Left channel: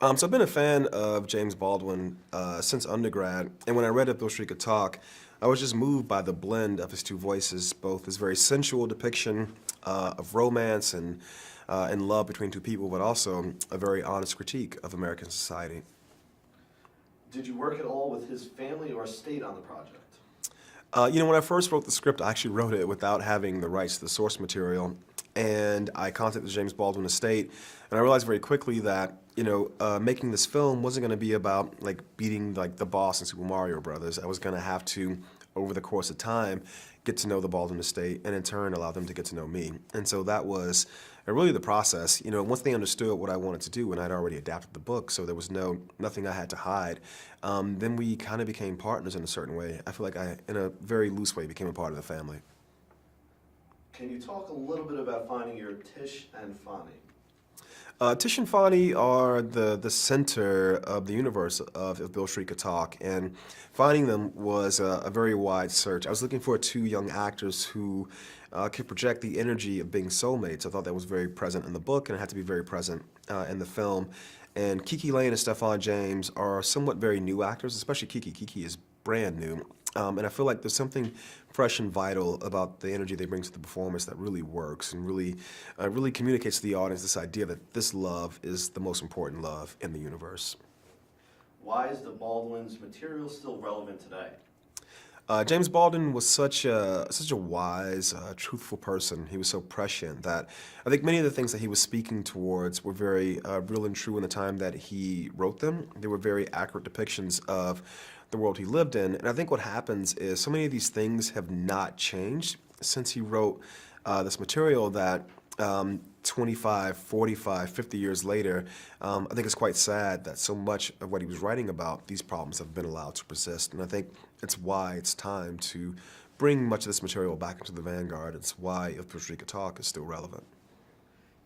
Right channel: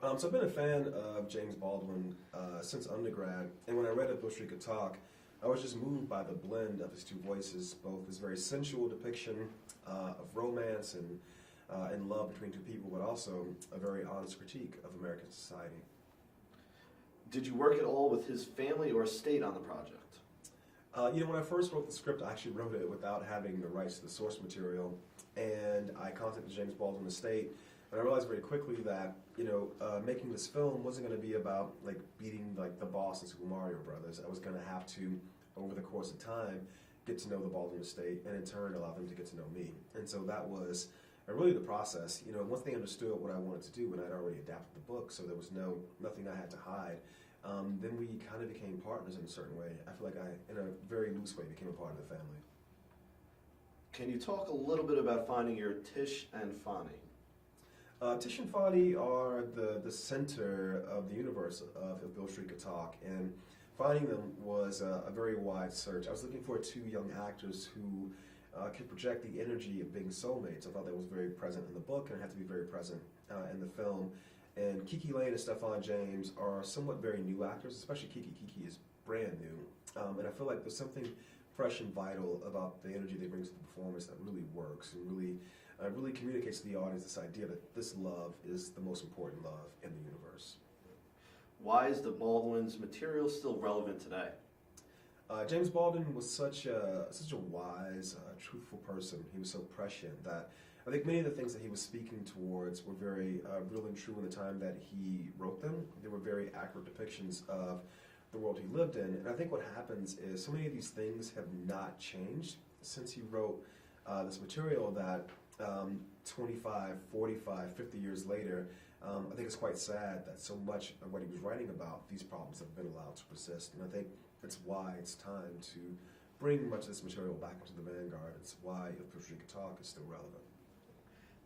So I've been a fan of James Baldwin since undergrad, and when I read Beale Street Could Talk, I was just moved by the blend of his two voices, both his very sensual depiction of romance and love between two people, but also a very honest critique of American society. Did you work at all with his family or estate on the project? When I first wrote the script, I actually wrote it without having the rights to the source material, and I contacted the James Baldwin estate, and I realized very quickly that making this film wasn't going to be about like beating like the boss in Super Mario Brothers. I was going to have to, over the course of time, get to know the Baldwin estate, and in turn allow them to get to know me. And so that was really the process. Once they understood what I wanted to do, and I'd already adapted the book, so there was nothing I had to hide. Then we kind of became partners in a certain way. I feel like I, in a very loose way, became a part of the family. Can you talk a little bit about finding your Tish and Fonny? Tish and Fonny are the center of the universe of Beale Street Could Talk, and finding them was a very wide search. I was looking for two young actors who could project the energy of being soulmates. I thought that was very present in the book, and it had to be very present in the film. And KiKi Layne and Stephan James are somewhat very new actors, especially KiKi. KiKi is brand new, and I feel like there's something fresh and vital about the energy they bring to the performance that really works and really communicates to the audience this idea that this love is the most important love in the universe. Why is the Baldwin's material still relevant today? James Baldwin was such a wise, truthful person. He was so prescient that I think many of the things that he was speaking towards were very real and true in the time that he wrote them. They were very accurate depictions of the world he lived in. And I think what happens is so many of these things have not changed since he wrote this material that 25, 45, 50 years later, I think it's quite sad that so much of what he was writing about, these problems have been allowed to persist. And I think it's why it's time to bring much of this material back into the vanguard. It's why Beale Street Could Talk is still relevant.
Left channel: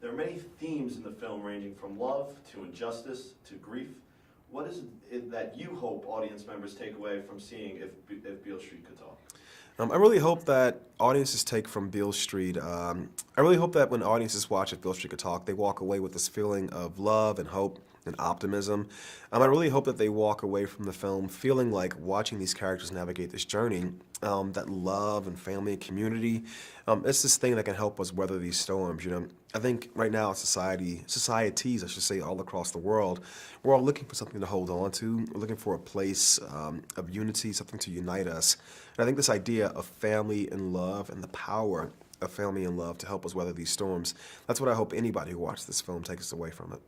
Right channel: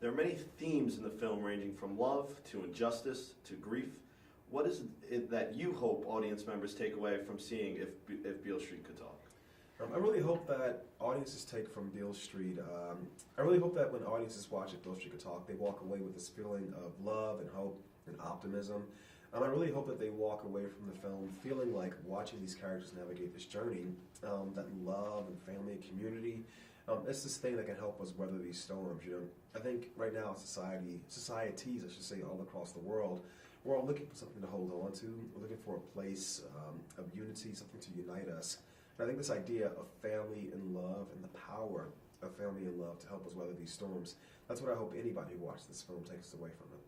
There are many themes in the film ranging from love to injustice to grief. What is it that you hope audience members take away from seeing if Beale Street Could Talk? I really hope that audiences take from Beale Street, I really hope that when audiences watch Beale Street Could Talk, they walk away with this feeling of love and hope and optimism. I really hope that they walk away from the film feeling like watching these characters navigate this journey, that love and family and community, it's this thing that can help us weather these storms. I think right now societies, I should say, all across the world, we're all looking for something to hold on to. We're looking for a place of unity, something to unite us. And I think this idea of family and love and the power of family and love to help us weather these storms, that's what I hope anybody who watches this film takes away from it.